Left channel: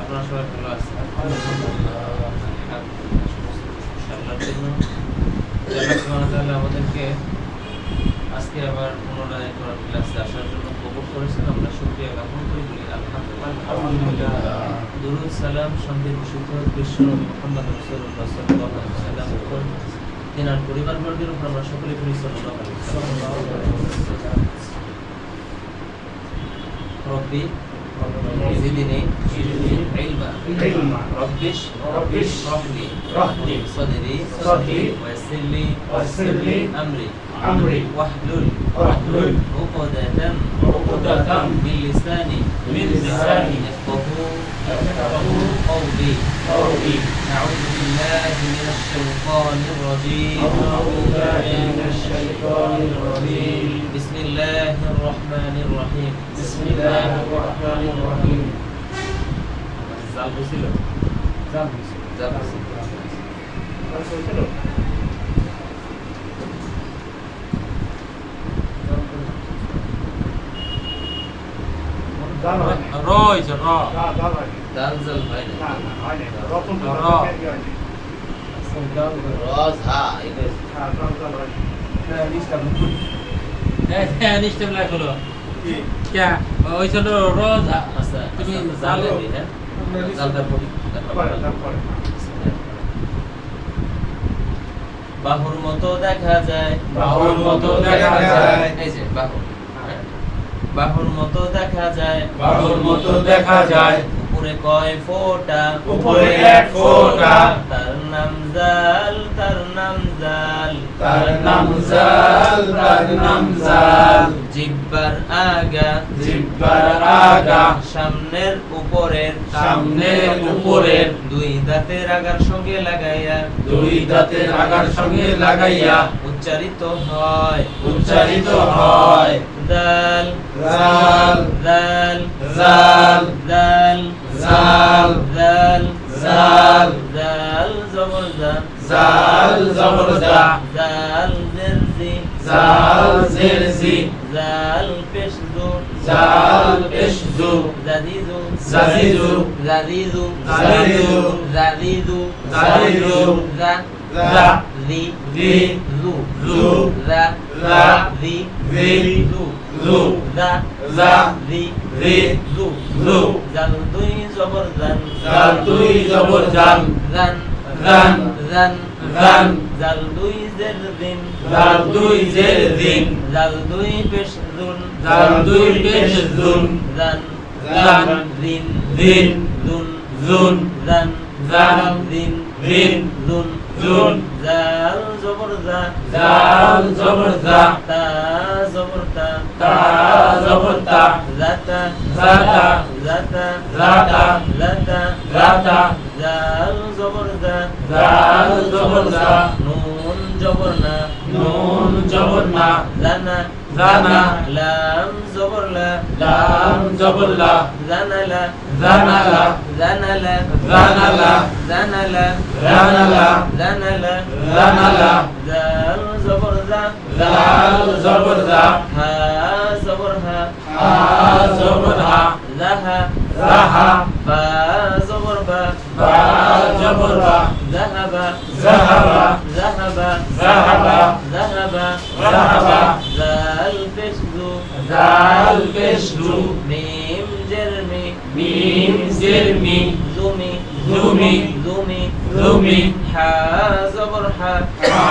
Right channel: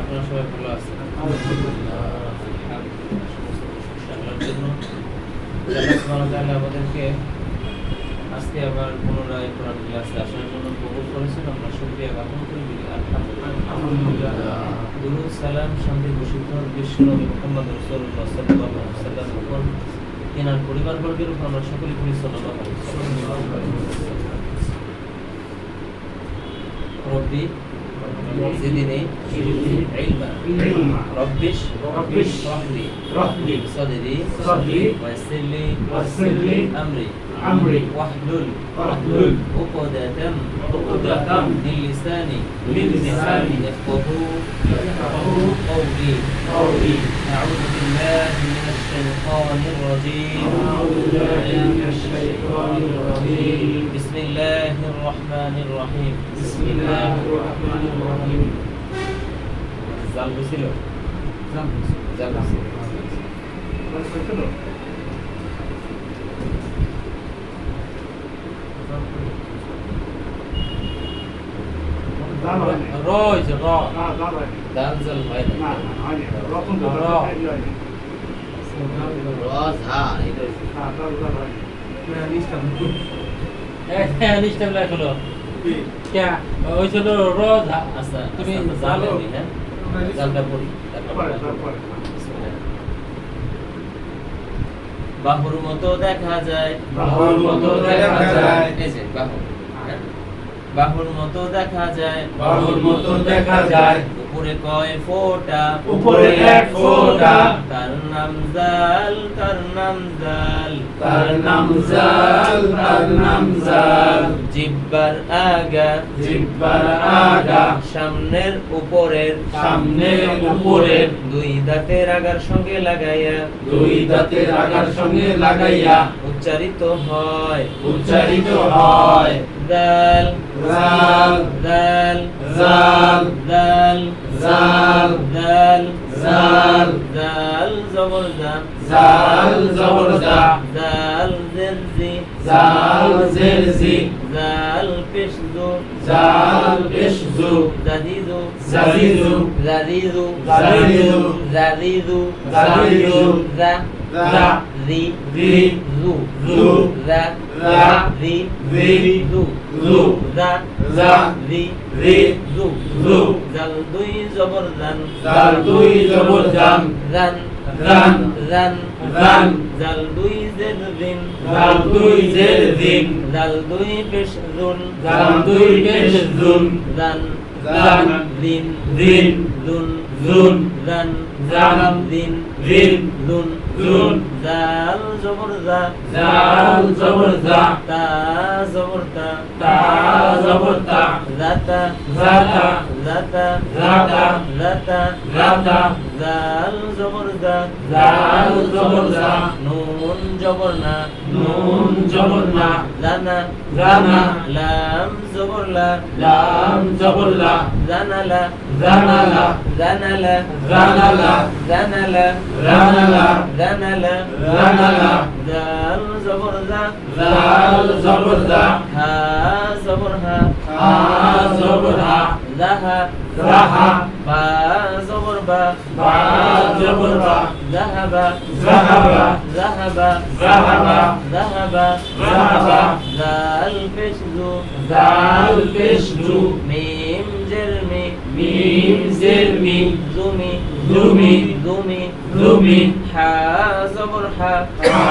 আপনারা সবাই ভালো আছেন? ইনশাআল্লাহর জন্য। আল্লাহ সুবহানাহু ওয়া তাআলা আমাদেরকে আজকে আবার পুনরায় কোরআন ক্লাসে আসার জন্য কবুল করেছেন। আমরা শুকরিয়া জ্ঞাপন করি। আলহামদুলিল্লাহ। সালাম শান্তি বিশুদ্ধ বিশ্ব নবী মুহাম্মদ আলাইহি ওয়াসাল্লাম উপর। তিনার পরিবারবর্গের উপর আমরা সকলে করি সাল্লাল্লাহু ربي زدني علما. ربش ربش. رحلي رحلي صدري صدري. ويسر لي ويسر لي أمري. أمري. واحلل. واحلل. عقدة عقدة من لساني. من لساني. يفقه يفقه قولي. قولي. أعوذ بالله من الشيطان الرجيم. أعوذ بالله من الشيطان الرجيم. بسم الله الرحمن الرحيم. জাল হয়েছিল জাল হয়েছিল রয়েছে র। দাল জাল হয় না র রস হা এটা হ্যাঁ নিষ্ঠা হ্যাঁ নিষ্ঠা লাগ হলো কে? ওই ছিল রজ হা তুমি জাল দিবি হ্যাঁ? জালটা পড়ি বাহুর মতো দেখা যায়। বাহুর মতো দেখা যায়। এই যে বাহু? বাহুর মতো দেখা যায়। বাহুর মতো দেখা যায়। উপরে কয় ফোটা উপরে এক ফোঁটা। তার নাম জাল তার নাম জাল তার নাম জাল, তার নাম জাল। জিব্বার আগা জিহ্বার আগা। সামনের উপরের সামনের উপরের। দুই দাঁতের আগার সঙ্গে লাগাইয়া দুই দাঁতের আগার সঙ্গে লাগাইয়া উচ্চারিত হয় উচ্চারিত হয় দাল জাল, দাল জাল, দাল জাল, দাল জাল, দাল জবর দা জাল জবর জা, জাল জেরজি জাল জের জি, জাল পেশ দু জাল পেশ জু, জাদিদু জাদিদু, জাদিদু জাদিদু, জাদিদু জাদিদু, জা জা, রি রি, জু জু, জা জা, রি রি, জু জু, জা জা, রি রি, জু জু, জাল দুই জবর জান জাল দুই জবর জান, রান রান, রান রান, জাল দুই জের দিন। জাল দুই জের দিন, জাল দুই পেশ দুন জাল দুই পেশ জুন, জান জান, দিন দিন, দুন জুন, জান জান, দিন দিন, দুন জুন, জাল জবর জা জাল জবর জা, তা জবর তা তা জবর তা, জাতা জাতা, জাতা জাতা, জাতা জাতা, জাল জবর জা জাল জবর জা, নুন জবর না নুন জবর না, জানা জানা, লাম জবর লা লাম জবর লা, জানালা জানালা, জানালা জানালা, জানালা জানালা, জানালা জানালা, জাল জবর জা জাল জবর জা, হা জবর হা হা জবর হা, জাহা রাহা, বা জবর বা বা জবর বা, জাহাবা জাহাবা, জাহাবা জাহাবা, জাহাবা জাহাবা, জাল পেশদু জাল পেশ জু, মিম জেরমি মিম জের মি, জুমি জুমি, জুমি জুমি, হা জবর হা হা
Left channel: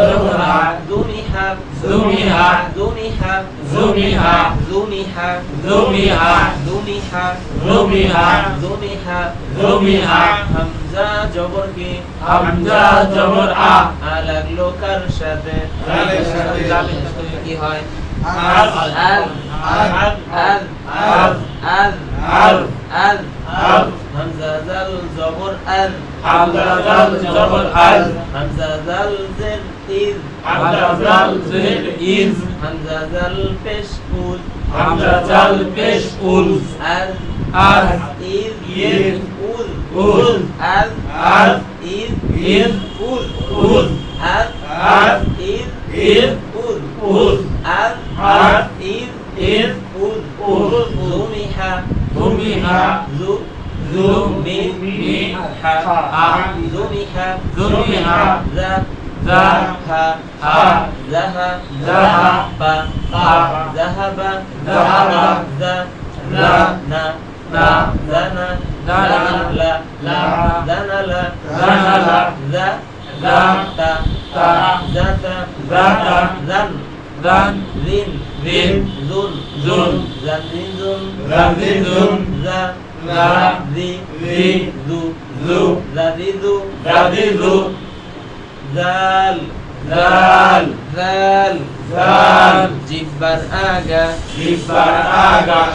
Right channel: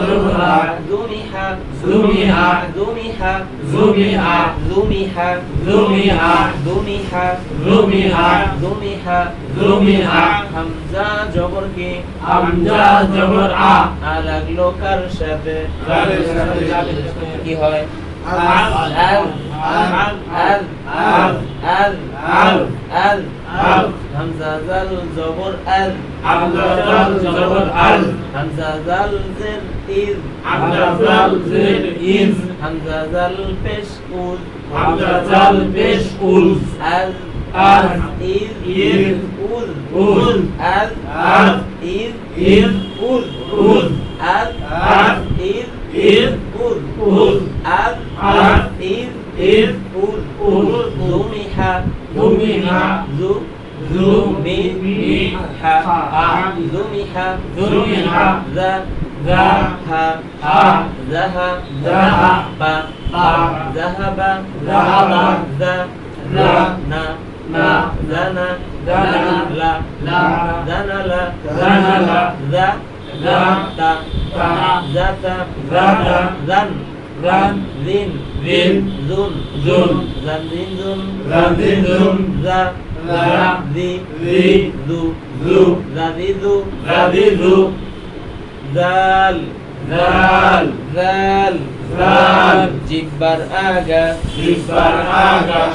জবর হা, জুমি হা জুমি হা, জুমি হা জুমি হা, জুমি হা জুমি হা, জুমি হা জুমি হা, জুমি হা জুমি হা, হামজা জবর কি হামজা জবর আ, লাগল কার সাথে কি হয় আল, আল আল, আল আল, আল আল, আল আল, হামজা জাল জবর আল হামজা জাল জবর আল, হামজা জাল জের ইজ হামজা জাল জের ইজ, হামজা জাল পেশ উল হামজা জাল পেশ উল, আল আল, ইজ ইজ, উল উল, আল আল, ইজ ইজ, উল উল, আল আল, ইজ ইজ, উল উল, আল আল, ইজ ইর উল উল জুমিহা জুমিহা জু জু মি মি হা হা জুমিহা জুমিহা জা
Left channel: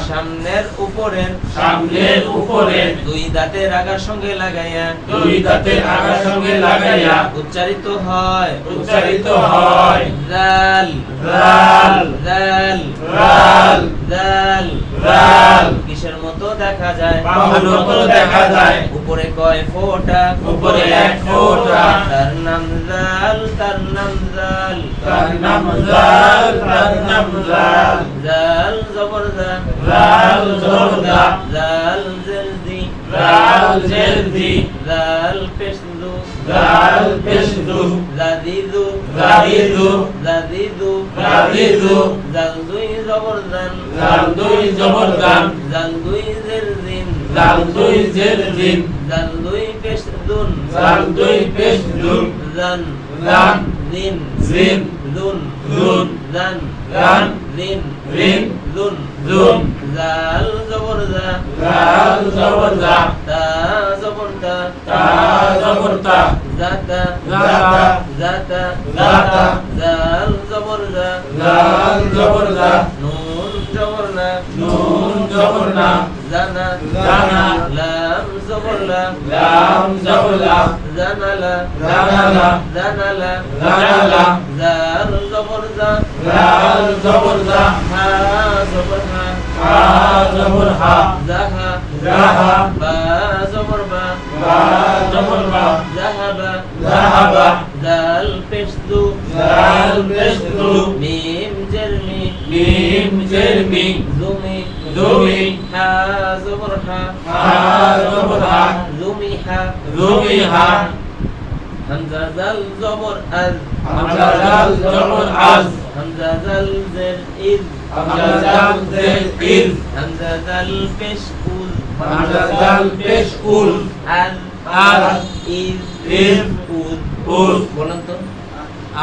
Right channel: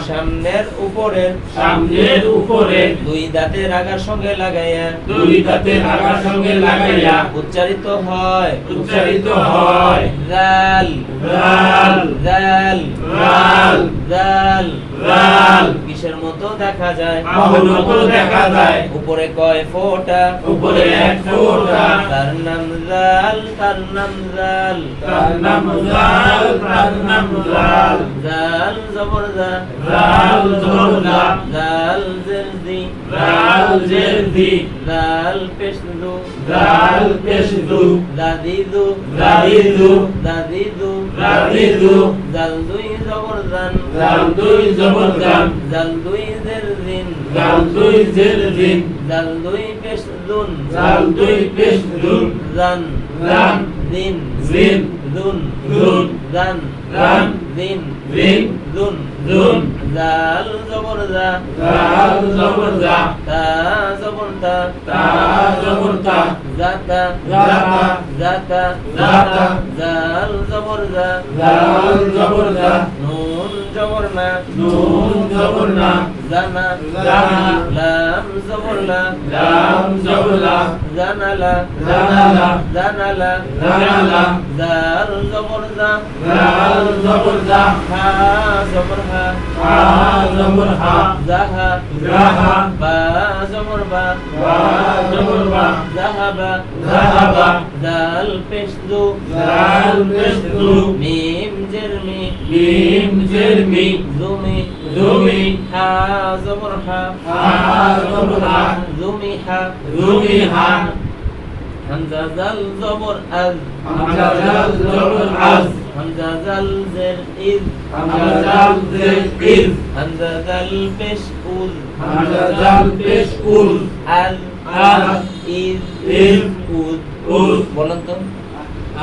সামনের উপরের সামনের উপরে দুই দাঁতের আগার সঙ্গে লাগাইয়া দুই দাঁতের আগার সঙ্গে লাগাইয়া উচ্চারিত হয় উচ্চারিত হয় জাল জাল জাল কিসের মতো দেখা যায়। দেখা যায়। উপরে কয় ফোঁটা? উপরে এক ফোঁটা। তার নাম জাল তার নাম জাল। তার নাম জাল তার নাম জাল। জাল জবর জা জাল জবর জা জাল জেরদি জাল জেরদি জাল পেশদু জাল পেশদু জাদিদু। জাদিদু। জাদিদু। জাদিদু। জাল দুই জাল দুই জবর জান জাল দুই জাল দুই জেরদিন। জাল দুই পেশদুন। জাল দুই জান দিন জিন দুন দুন জান জান দিন। জিন দুন দুন জাল জবর জা জাল জবর জা তা জবর তা তা জবর তা জাতা জাতা জাতা জাতা জাল জবর জা জাল জবর জা নুন জবর না নুন জবর না জানা জানা লাম জবর লা লাম জবর লা জানালা। জানালা। জানালা। জানালা। জাল জবর জা জাল জবর জা হা জবর হা হা জবর হা জাহা জাহা বা জবর বা বা জবর বা জাহাবা জাহাবা জাল পেশদু জাল হা জবর হা হা জবর হা জুমি হা জুমি হা হামজা জাল জবর আজ। হামজা জাল জবর আজ। হামজা জাল জের ইদ হামজা জাল জের ইদ হামজা জাল পেশ উল হামজা জাল পেশ উল আল আল ইদ ইদ উদ উদ বলেন তো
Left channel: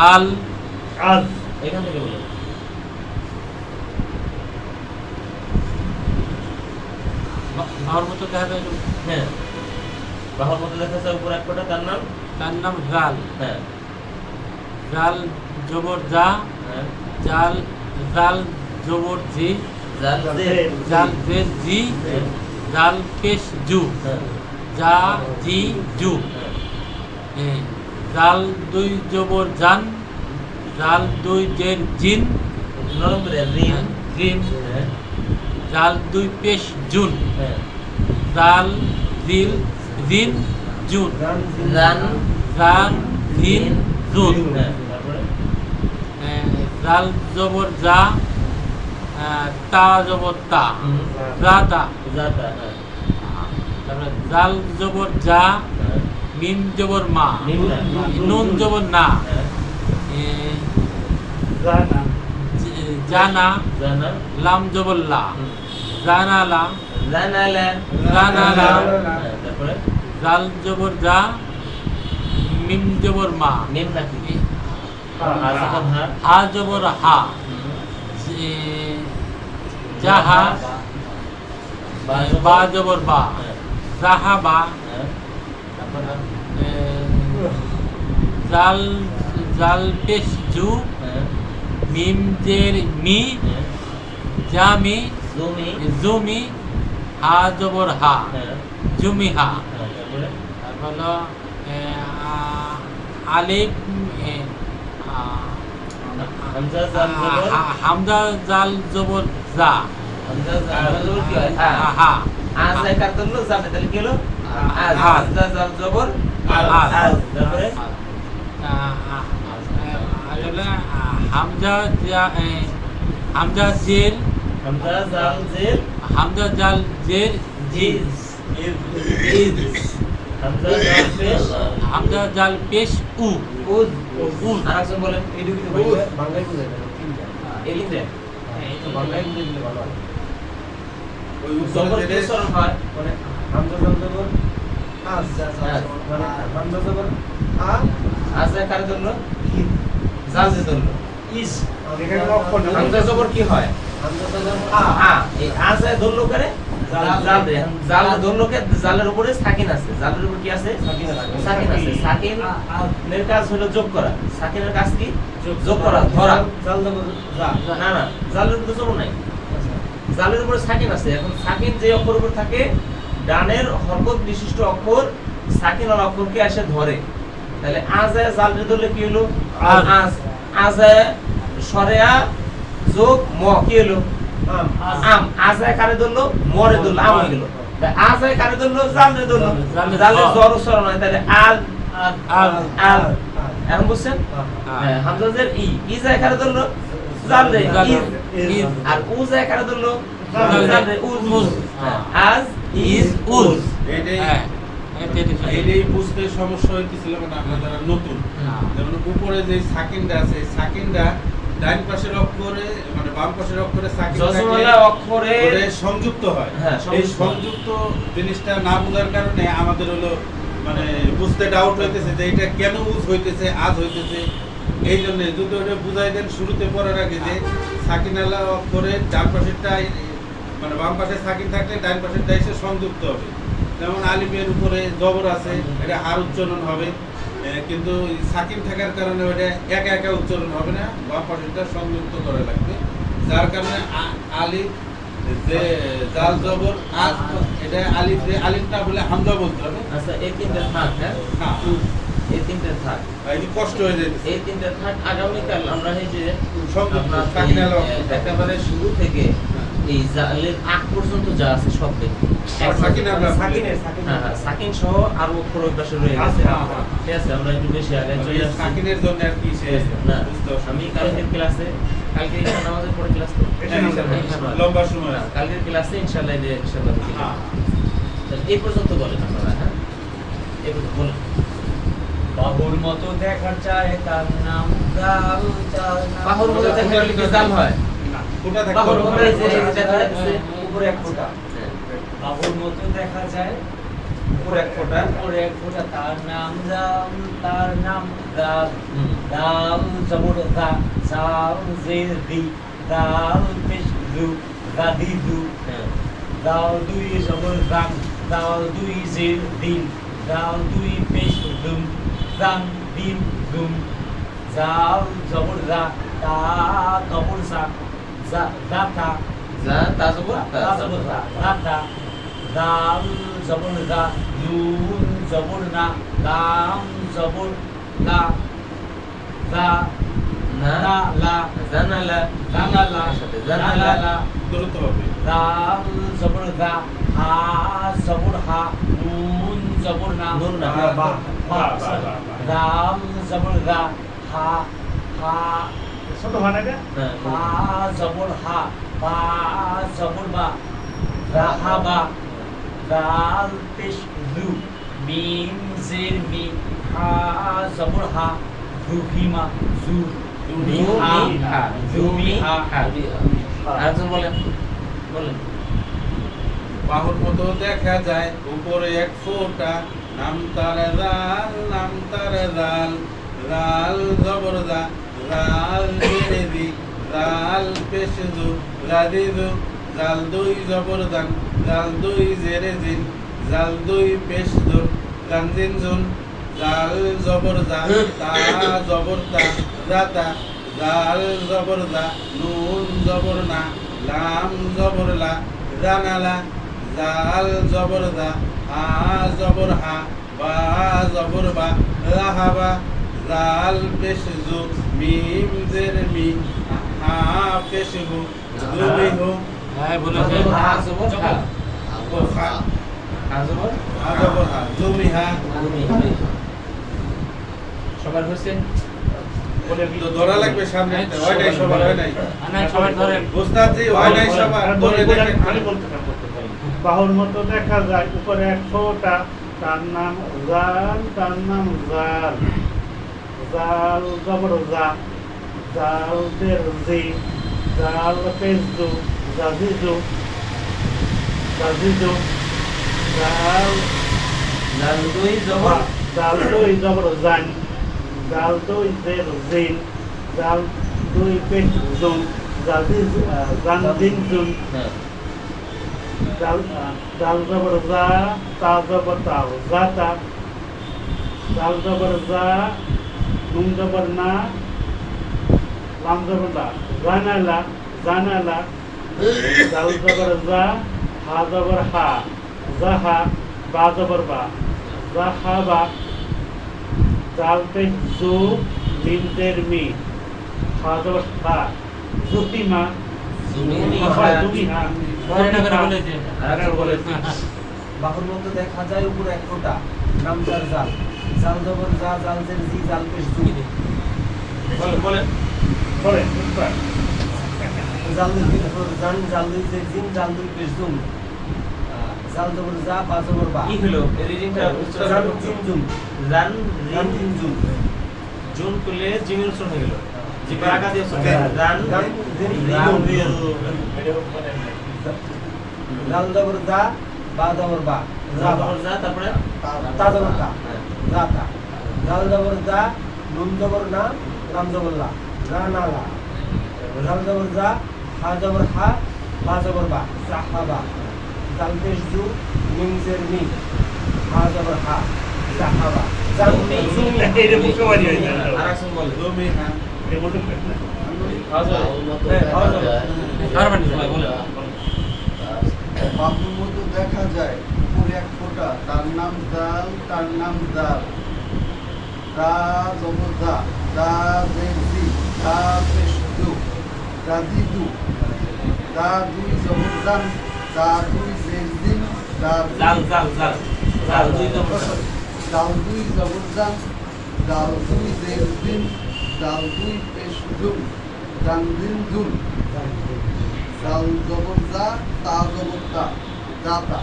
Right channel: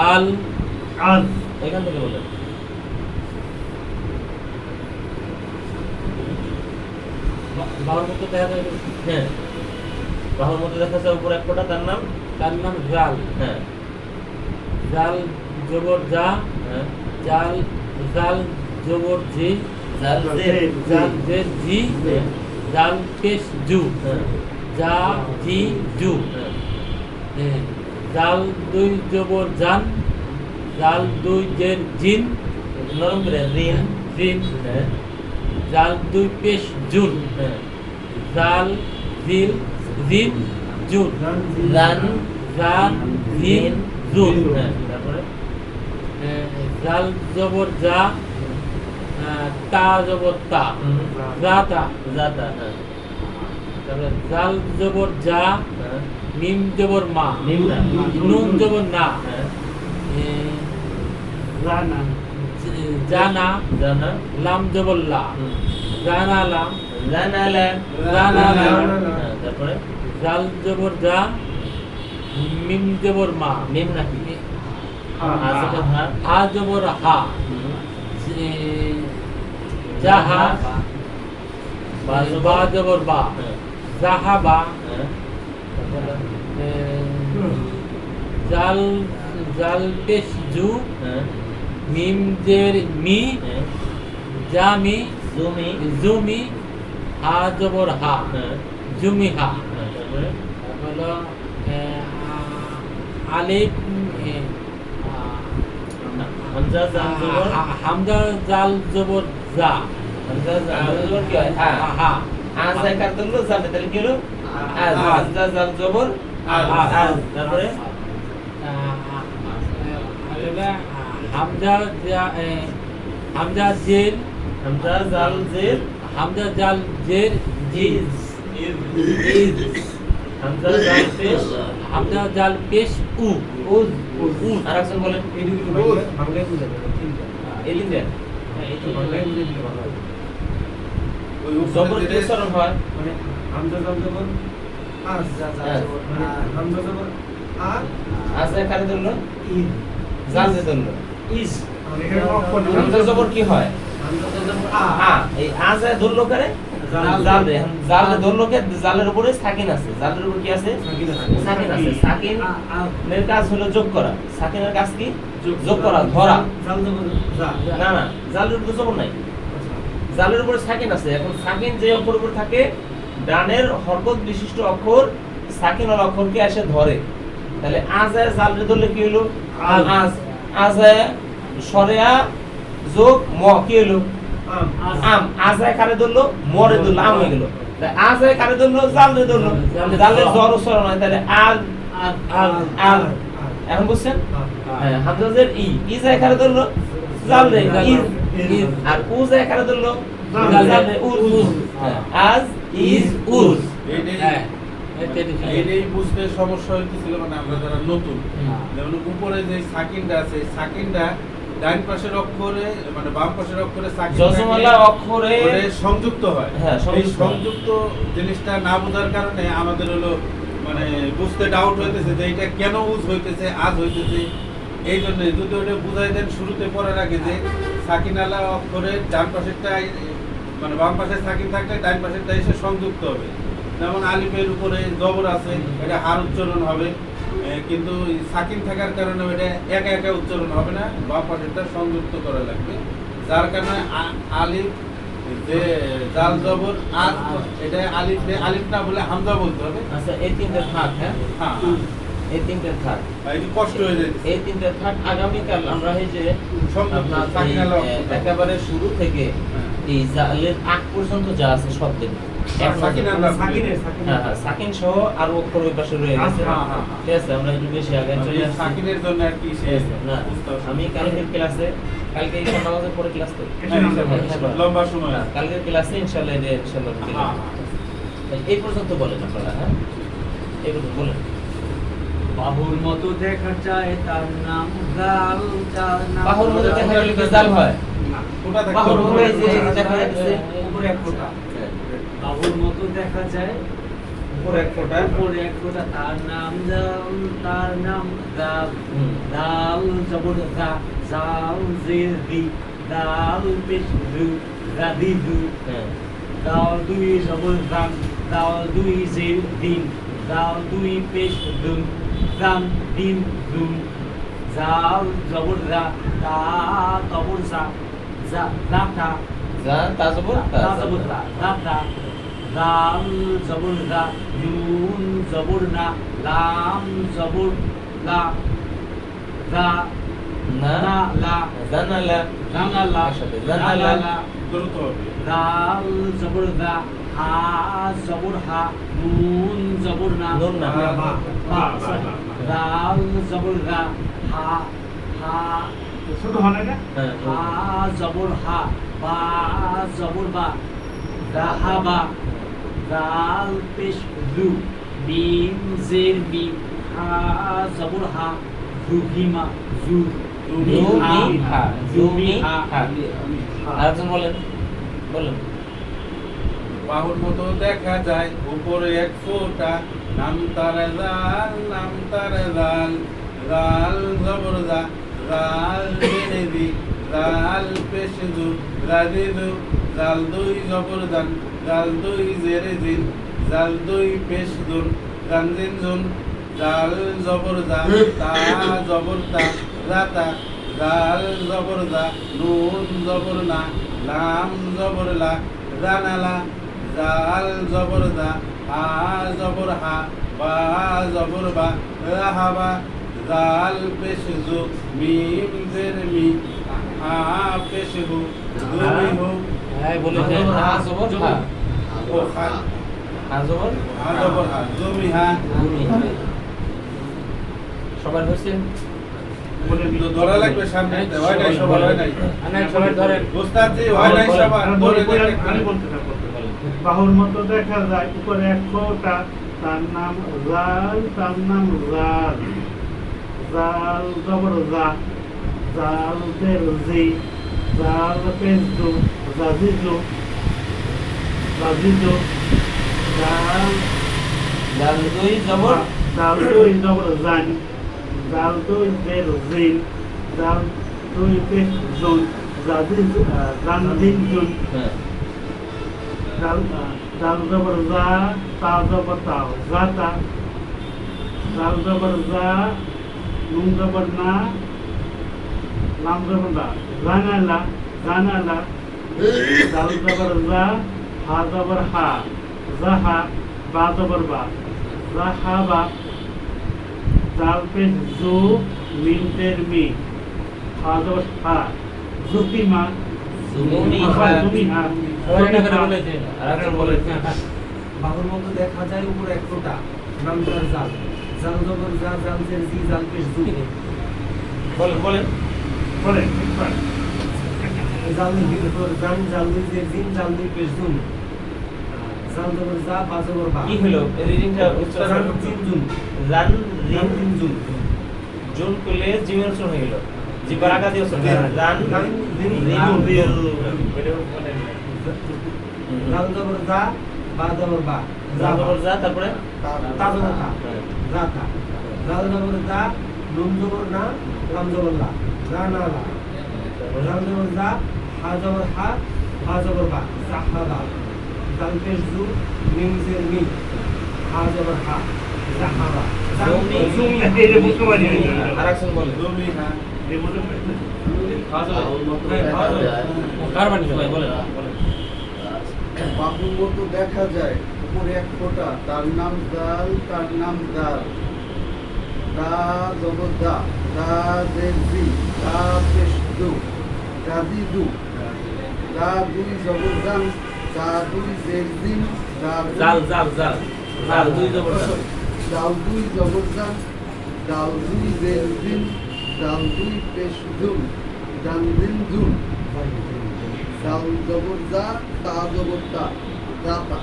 আল আল এখান থেকে বলেন নর মতো দেখা যায় হ্যাঁ। বাহুর মধ্যে দেখা যায় উপর এক ফোঁটা তার নাম? তার নাম জাল। হ্যাঁ। জাল জবর জা হ্যাঁ। জাল জাল জবর জি জাল জাল জি। জাল পেশ জু। হ্যাঁ। জি জু। হ্যাঁ। জাল দুই জবর জান জাল দুই জের জিন। নরম রিন। জিন হ্যাঁ। জাল দুই পেশ জুন। হ্যাঁ। জাল দিল জিন। জুন জান জাল জিন। জুন হ্যাঁ জাল জবর আ, তা জবর তা। জাতা জাতা হ্যাঁ। তারপরে জাল জবর যা হ্যাঁ। মিম জবর মা। নুন জবর না। হ্যাঁ। জানা জানা লাম জবর লা। জানা লা। তারপরে জাল জবর যা মিম জবর মা নিম নাকি হা জবর হা হুম। যে- জাহা বা জবর- বা জবর বা জাল জাল পেশ জু মিম জের মি জামি জমি জুমি হা জবর হা হ্যাঁ। জুমি হা। হ্যাঁ তারপরে? হলো আলিফ হামজা জাল জবর? হা- হামজা জাল জবর জা। হামজা জাল জবর কি হয়? হ্যাঁ। হা আজ আই কাটল জালে তাহলে কি হলো। হামজা জাল জবর? তারপরে? হামজা হামজা জের হামজা জাল জের হামজা জাল জের ইজ ইজ হামজা জাল পেশ হামজা জাল পেশ উ। উজ উজ। আর একজন বলেন উজ। এই তিনটে? ওই উপরে জবর কি জেরে উচ্চারণ হয় আজরা কারে ধরলো? জাল যে ধরলো। হামজা জবর কি হয়? আ এই আজরা ধরলো কারে জাল ধরলো কে? জালের উপরে সাকিন আছে। জালের উপরে কি আছে? সাকিন আছে। সাকিন এর কাজ হলো যোগ করা। সাকিনের কাজ কি? যোগ করা ধরা। না না জালের উপরে জবর নাই। জালের উপরে সাকিন আছে। এখন সাকিন যে অক্ষর উপর থাকে ডানের হরকত বিশিষ্ট অক্ষর সাকিন ওয়ালা অক্ষরকে এসে ধরে। তাহলে আজায় জালরে ধরলে কি হলো? আজ। আজ। সরেয়া যোগ ম কি হলো আম। আজায় কারে ধরলো? মরে ধরলো আম হয়ে গেল। আজায় কারে ধরলো? জালরে ধরলো। জালে জালে জ্বর হয় তাহলে আল। আর আল। এখন বুঝছেন? হ্যাঁ, হামজাজের ই। ই যায় কারে ধরলো? জাল। আর উ যায় কারে ধরলো? জাল। উজ উজ। আজ ইজ উজ হ্যাঁ। এটা এটা বুঝতে সমস্যা হইতেছিল মানে যারা নতুন হ্যাঁ। যেমন উপরে যে সাকিনটা আছে সাকিনটা ডান পাশের অক্ষরে মানে বাম পাশের অক্ষরে অক্ষরে সংযুক্ত হয়। হ্যাঁ, এই সংযুক্ত। জিনিসটা না বোঝার কারণে আমাদের হলো মানে বুঝতে ডাউট হইতেছে যে এটা কেন উজ হইতেছে আজ হইতেছে। এই জন্য যদি ওটা বুঝাই দেন শুরুতে পড়ার আগে যে সাকিনালা অক্ষরে ডান পাশেরটা মানে বাম পাশে সাকিন থাকলে ডান পাশেরটা এসে সংযুক্ত হবে। যেমন আলিফের উপরে জবর আছে এটা হার উচ্চারণ হবে। কিন্তু সাকিন থাকার কারণে ওটা একা একা উচ্চারণ হবে না বাম পাশেরটা সংযুক্ত করা লাগবে। যার কারণে আলিফ যে জাল জবর আজ এটা আলিফ আলিফ না বলে হামজা বলতে হবে। আচ্ছা এই তিনটে থাক হ্যাঁ? হ্যাঁ। এই তিনটে থাক। কষ্ট হয়ে যেতেছে এই তিনটে থাক আগামীকাল আমরা এই যে। একেবারে শুরু থেকে। এই জালের আগ পর্যন্ত যা আছে সব দেখব। হ্যাঁ হ্যাঁ সাকিন সহ আরও অক্ষর ওই পাশে রয়ে গেছে। হ্যাঁ, হ্যাঁ। ঠিক আছে আমরা একটু বেশি আগে চলে আসছি। সাকিনের জন্য আর কি না আমি। কালকের ক্লাসে কালকে নামাজের পরে ক্লাস তো লম্বা সময় কালকের ক্লাসে ইনশাআল্লাহ যে ইনশাআল্লাহ হ্যাঁ। এই পর্যন্ত বলেন আপনারা হ্যাঁ? এই পর্যন্ত বলেন। বাবুর মতো দেখা যায় তার নাম গাল চাল বাহুর মধ্যে দেখা গেলে হয়? বাবুর মতো দেখা যায় উপরে এক ফোঁটা। উপরে এক ফোঁটা। তার নাম জাল তার নাম গাল। হুম। জবর গা জাল জে রি গাল পেশ রু গাদি দু। হ্যাঁ। দুই জবর গাম গাল দুই জে দিন গাল দুই পেশ দুম গাম দিম দুম। জাল জবর গা তা জবর সা যা গাতা যা তাজবুর তা জবর গা গাতা গাল জবর গা ইউন জবর না লাম জবর লা গা না লা লা জানালা জানালা সাথে জানালা জানালা দ্রুত হবে দাল জবর গা হা জবর জবর হা হা হ্যাঁ হা জবর হা বা জবর বা রাহাবা দাল পেশ রু মিম জের মি হা জবর হা রুহিমা জু জুমি হা আরেকজন বলেন বলেন। বাহুর মতো দেখা যায় উপরে এক ফোঁটা নাম তার জাল নাম তার জাল জাল জবর জা জাল জেরে দি জাল দুই জবর দান জাল দুই জেরে জাল দুই পেশ দুন জানজিন জাল জবর জা তা জবর তা জাল জবর নুন জবর না লাম জবর লা জাল জবর দা হা জবর হা বা জবর বা রাহাবা জাল পেশ জু মিম জের মি হা পেশ হু জুমি হু। হ্যাঁ বলেছেন হা জবর হা। ও হা। হা জবর হা জবর হা। জুমি হা। জুমি হা। সবার হয়েছে? বলে ধরা লাগবে সামনে। হয় নাই সবার হয় নাই। ওস্তাদ জি হয় নাই সবার। ধরে দেখেন। আমি বলতে বলতে বাহুর মতো দেখা যায় উপরে এক ফোঁটা তার নাম জাল তার নাম জাল জাল জবর জা জাল দের জি জাল পেজু জাজিজু জাজিজু জাল লাল দুই জবর জাল দুই জবর জান জাল দুই দের জিল জাল দুই পেজ জাজিজ জান দিন জুন হ্যাঁ dal dal জবর জা তা জবর তা জাতা dal জবর জা নুন জবর না লাম জবর দা জানালা জানালা dal জবর জা হা জবর হা জাহা বা জবর বা জাহাবা জাল পেশ জু মি হা জবর হা জুতিমা দেখা যায় উপরে এক ফোঁটা নামজার জাল। জাল জবর জা জাল জের জি জাল পেশ জু বলেন বলেন। বলে জাল দুই উপর জান জাল দুই জের জিন জাল দুই পেশ জুন। জাল জবর জা বা জবর বা। কি হলো? রিডিংটা জাল জিন জুন জান। জান জিন জুন জুন। করলে জিমের শুরু হয়ে গেল। জিবার আগা দিয়ে শুরু জান জান জিন জান জাল জবর জা বা জবর বা। জান জবর যা তারপরে তা জবর তা জাল জবর জা নুন জবর না লাম জবর লা না না লা জাল জবর জা হা জবর হা বা জবর বা জাহাবা জাল পেশ জু মিম জের মি হা জবর হা জাহাবা জমি। জুম এটা জমি হ্যাঁ। দেখা যায় উপরে এক ফোঁটা তার নাম জাল তার নাম জাল। দা জবর দা দা জেজি দা পেশ দু দাদি দু দা দুই জবর দান দা দুই জেজিন দা জাল জাল জাল জাল দুই জবর জাল। দাল দুই জবর দান দাল দুই জেজিন দাল দুই পেশ দুম দান দিন দুম দাল জবর দা তা জবর তা দাতা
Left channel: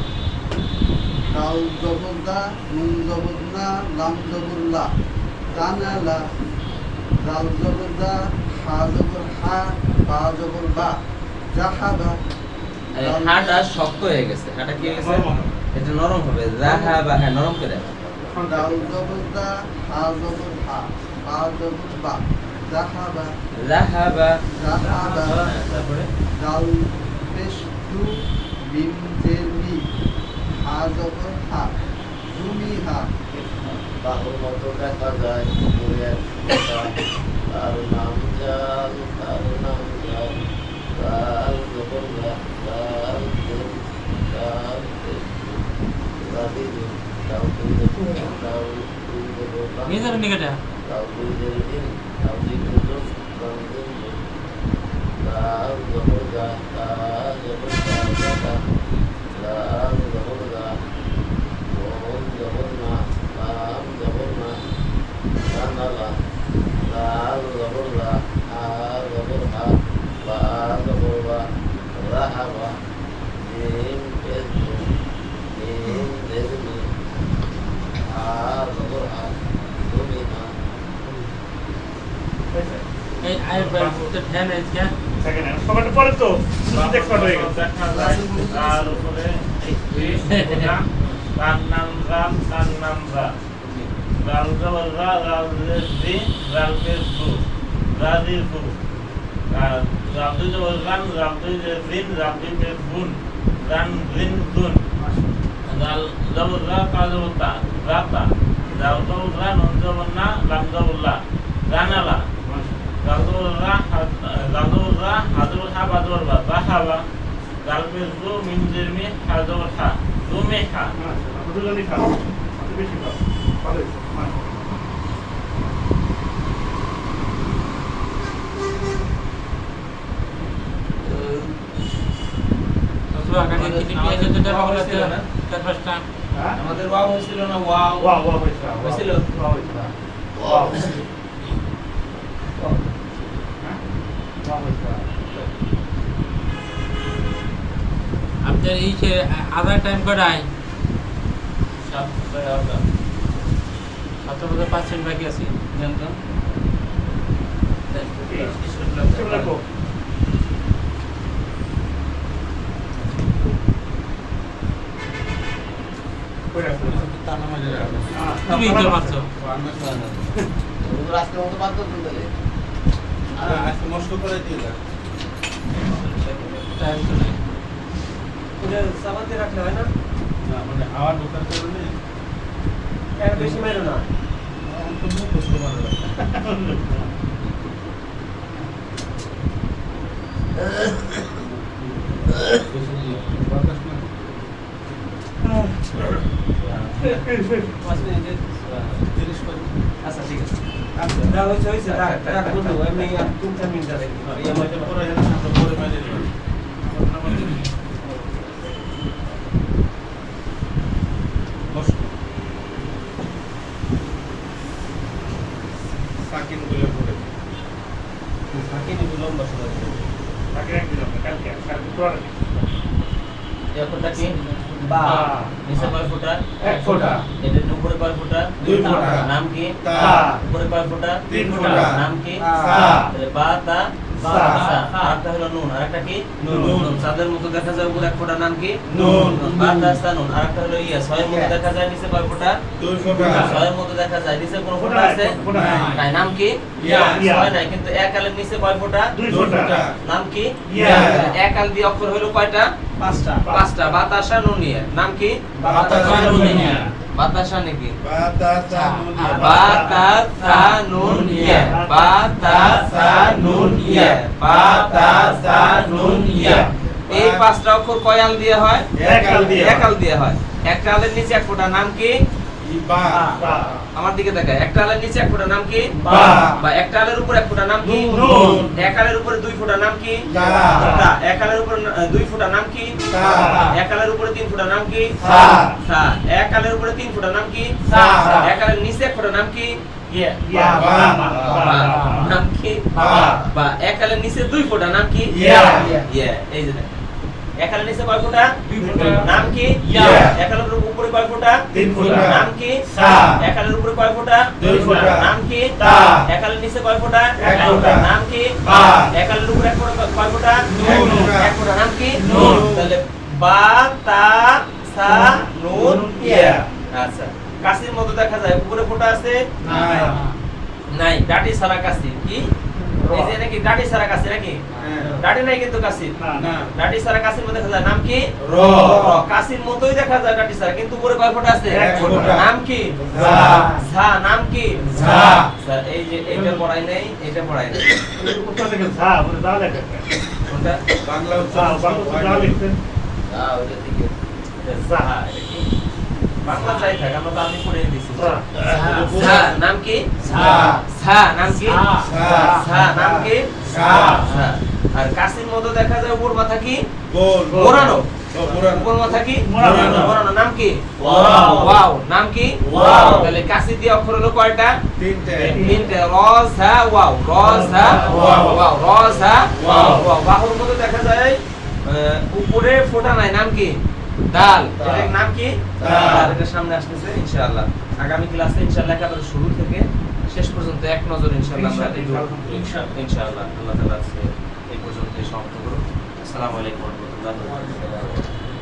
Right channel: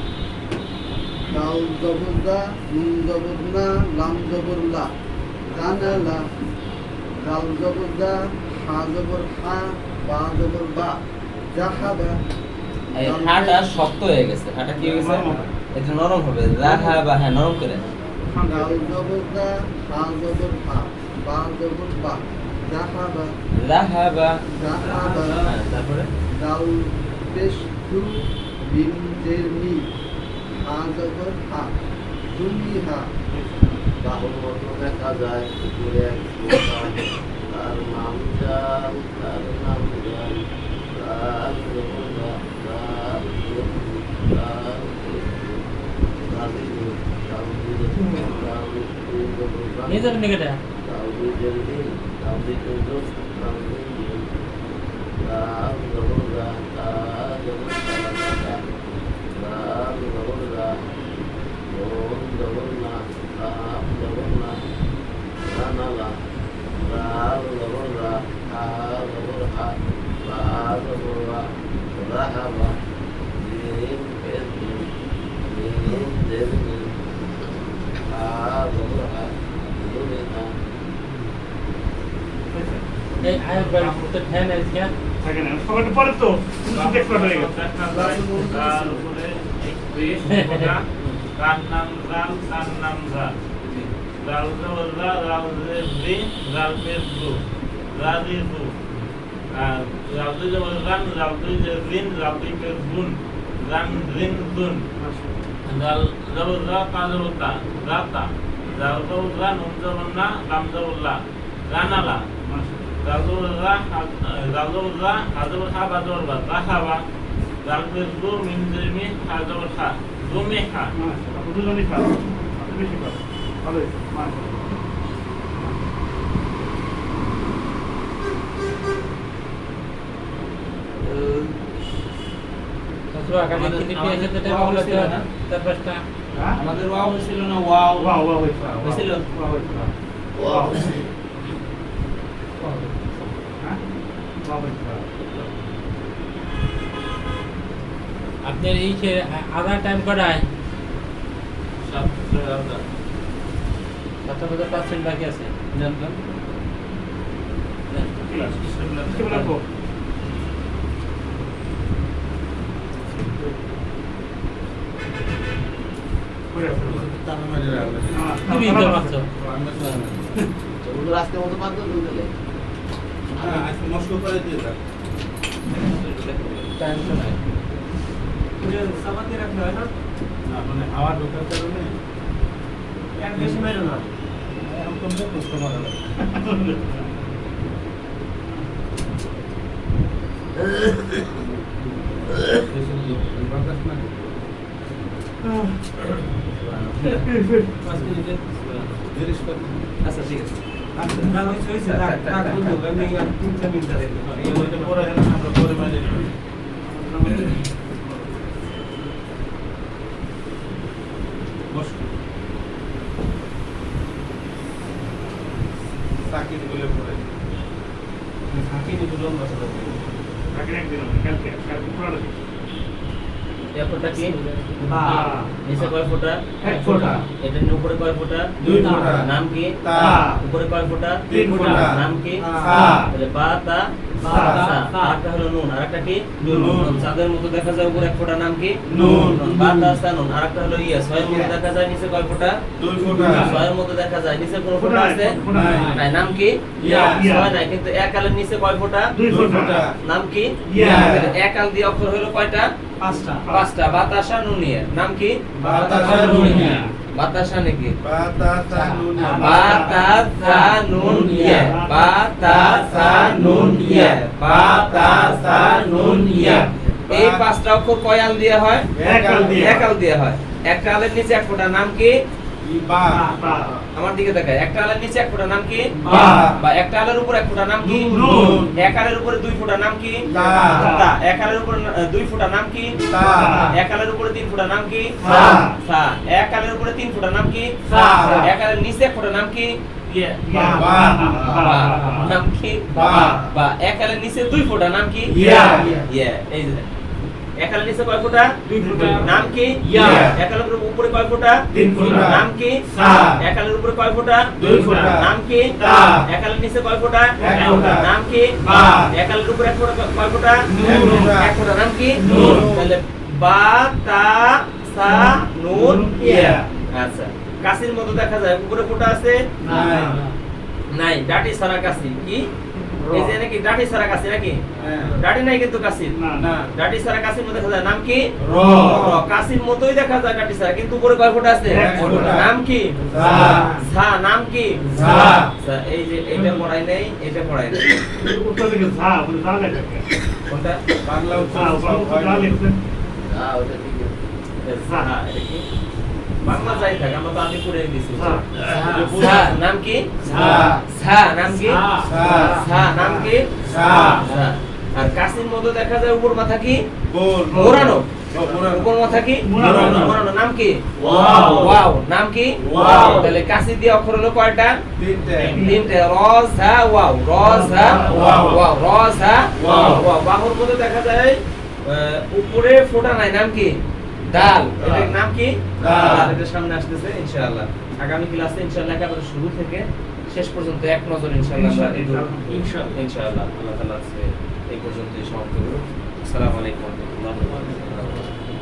দাল জবর দা নুন না লাম জবর লা। দানালা দাল জবর হা জবর হা বা। জবর বা জাহাবা হাটা শক্ত হয়ে গেছে। হাটা কি হয়ে গেছে? এটা নরম হবে। রাহা বা হ্যাঁ নরম করে। দাল জবর দা হা জবর হা বা। জবর বা। জাহাবা রাহাবা জাহাবা হ্যাঁ, তারপরে? দাল পেশ দু মিম জের মি হা জবর হা জুমি হা বাহুর মতো দেখা যায় উপরে এক ফোঁটা, তার নাম জাল তার নাম জাল তার জবর দা, তার জের জি, তার পেশ দু, তালি দু, দাল দুই জবর দা, দাল দুই জবর দা, নিয়ে যাবেন নিকেটা দাল দুই জের দিন, দাল দুই জবর, দাল দুই জের। দাল জবর দা, তার জবর দা, দা, দাল জবর দা, নুন জবর না, লাম জবর না, জানালা, দাল জবর দা, হা জবর পরে তার নাম জাল তার নাম জাল জাল জবর জা জাল জের জি জাল পেশ জু জাজি জু আর জাল দুই জবর জান জাল দুই জের জিন জাল দুই পেশ বুন জান জিন জুন জাল জবর জা তা জবর তা জাতা জাল জবর জা নুন জবর না লাম লা বা জবর বা জাহাবা জাল পেশ জু মিম জের মি হা জবর হা জু মে হা দুজনই খাও বেশি খাও ভালো মাশাআল্লাহ। তো আগামী দিনে পেয়েছে যেটা বলা ছিল না। চার পাঁচটা? হ্যাঁ? আমাদের হয়েছিল না ওয়াও? হয়েছে হয়েছিল? ওয়াও হয়েছে ওয়াও। আপনার এই সে আধার টাইম কটায়? সাত এগারোটা সাতটার মধ্যে পাঁচ মিনিট বাকি আছে। জান জান। নেন, স্টেপলার দেন। তানা মাঝে তুমি ইনকাম মারছো আজকের মতো বাদ আজকে নষ্ট করে দিয়ে যাক টাইম তো নাই। এটা চাপাতি রাখলে হয় না না মানে হাওয়া ঢোকার কারণে এক বেশি মেরো না এখন তো মুখস্থ মারা যায় বাতাস না পাঁচ মিনিটের জিনিসপত্র আচ্ছা ঠিক আছে না হয়েছে হয়েছে রাখ রাখ বন্ধু এমনি আর তিন চার মিনিট আছে এই আমাদের পরে হেন আমরা পরে মাইনে দেব। বস। সাকিব বলে পড়ে থাকি নি তো লম্বা সাথে অক্ষরটা কি? বা নিচে কয় ফুটা? এক ফোঁটা। এটার উপরে কয় ফুটা? দুই ফোঁটা। নাম কি? তা। উপরে কয় ফুটা? তিন ফোঁটা। নাম কি? সা। তাহলে বা তা। সা। সা হলো নুন আরেকটা কি? নুন। নুন। চাঁদের মতো দেখা যায় উপরে এক ফোঁটা নাম কি? নুন। বা তা সা নুন আরেকটা হলো ইয়া ছয়ের মতো দেখা যায় নিচে কয় ফোঁটা? দুই ফোঁটা। ছয়ের মতো দেখা যায় নিচে কোন ফোঁটা আছে। নাই। নাম কি? ইয়া। ছয় নাই কিন্তু এক আলের নিচে কয় ফোঁটা? দুই ফোঁটা। নাম কি? ইয়া। এক আল দিয়ে অক্ষর হলো কয়টা? পাঁচটা। পাঁচটা। বাতাসা নুনিয়া নাম কি? বাতাসা নুনিয়া। বাতাসা নাকি? বাতাসা নুনিয়া। বাতাসা নুনিয়া বাতাসা এই পাঁচটা অক্ষর কয়াল দিয়ে হয়? একাল দিয়ে। এক দিয়ে হয়। এক কালের নিচে এক ফোঁটা নাম কি? বা আমার দিকে দেখায় একটা আলের নিচে এক ফোঁটা নাম কি বা। একটা আলের উপর এক ফোঁটা নাম কি এক আলের উপরে দুই ফোঁটা নাম কি। এক আলের উপরে দুই ফোঁটা নাম কি এক আলের উপরে তিন ফোঁটা নাম কি। এক আলের উপরে তিন ফোঁটা নাম কি। এক আলের নিচে এক ফোঁটা নাম কি। নাম কি বা। এক আলের নিচে দুই ফোঁটা নাম কি ইয়া। ইয়া এই যে দেখ। এক আলের নিচে কয় ফোঁটা দুই ফোঁটা। নাম কি ইয়া। এক আলের উপরে কয় ফোঁটা তিন ফোঁটা। নাম কি সা। একালের উপরে কয় ফোঁটা দুই ফোঁটা। নাম কি তা। এক আলের নিচে কয় ফোঁটা এক ফোঁটা। নাম কি বা। এক আলের উপরে এক ফোঁটা কয় ফোঁটা নুন। এক ফোঁটা নাম কি নুন। তাহলে বা তা সা নুন ইয়া আচ্ছা কাশির মতো দেখা যায় উপরে ফোঁটা আছে নাই। নাই ডাটি সারা কাশি কি এই যে নাকি ডাটি সারা কাশি নাকি? হ্যাঁ। ডাটি নাই কিন্তু কাশি। ডাটি সারা কাশির মধ্যে দেখা যায়। নাম কি? র। কাশির মতোই দেখা যায় ডাটি সারা কিন্তু উপরে কয় ফোঁটা আছে? নাম কি? ঝা। নাম কি? ঝা। এই যে এইটা পড়াই নেই এইটা পড়াই নেই। বাংলা এটা ঝা, এটা কি? বাংলা যাই থাক আমরা বাংলা পড়ে দিছি ঝা। ঝা নাম কি ঝা। ঝা নাম কি ঝা। ঝা নাম কি ঝা। ঝা। আর কাশির মতো দেখা যায় উপর মাথা কি মোড়ানো। উপর মাথা কি মোড়ানো। নাম কি ওয়াও। নাম কি ওয়াও। তাহলে কাশি দিয়ে অক্ষর হলো কয়টা তিনটে। তিনটে র ঝা ওয়াও র ঝা ওয়াও। ওয়াও র ঝা ওয়াও। ওয়াও বাহুর মধ্যে দেখা যায় উপরে ফোঁটা নাই নাম কি ডাল। এটার নাম কি ডাল। এটা সামনে আসতেছে ইনশাআল্লাহ আগামী ক্লাসে ইনশাআল্লাহ একেবারে শুরু থেকে শেষ পর্যন্ত এক নজর ইনশাআল্লাহ আমরা ইনশাআল্লাহ। ইনশাআল্লাহ আল্লাহ তাআলা আজকে এই পর্যন্ত সমাপ্ত করব আসসালামু আলাইকুম ওয়া রাহমাতুল্লাহি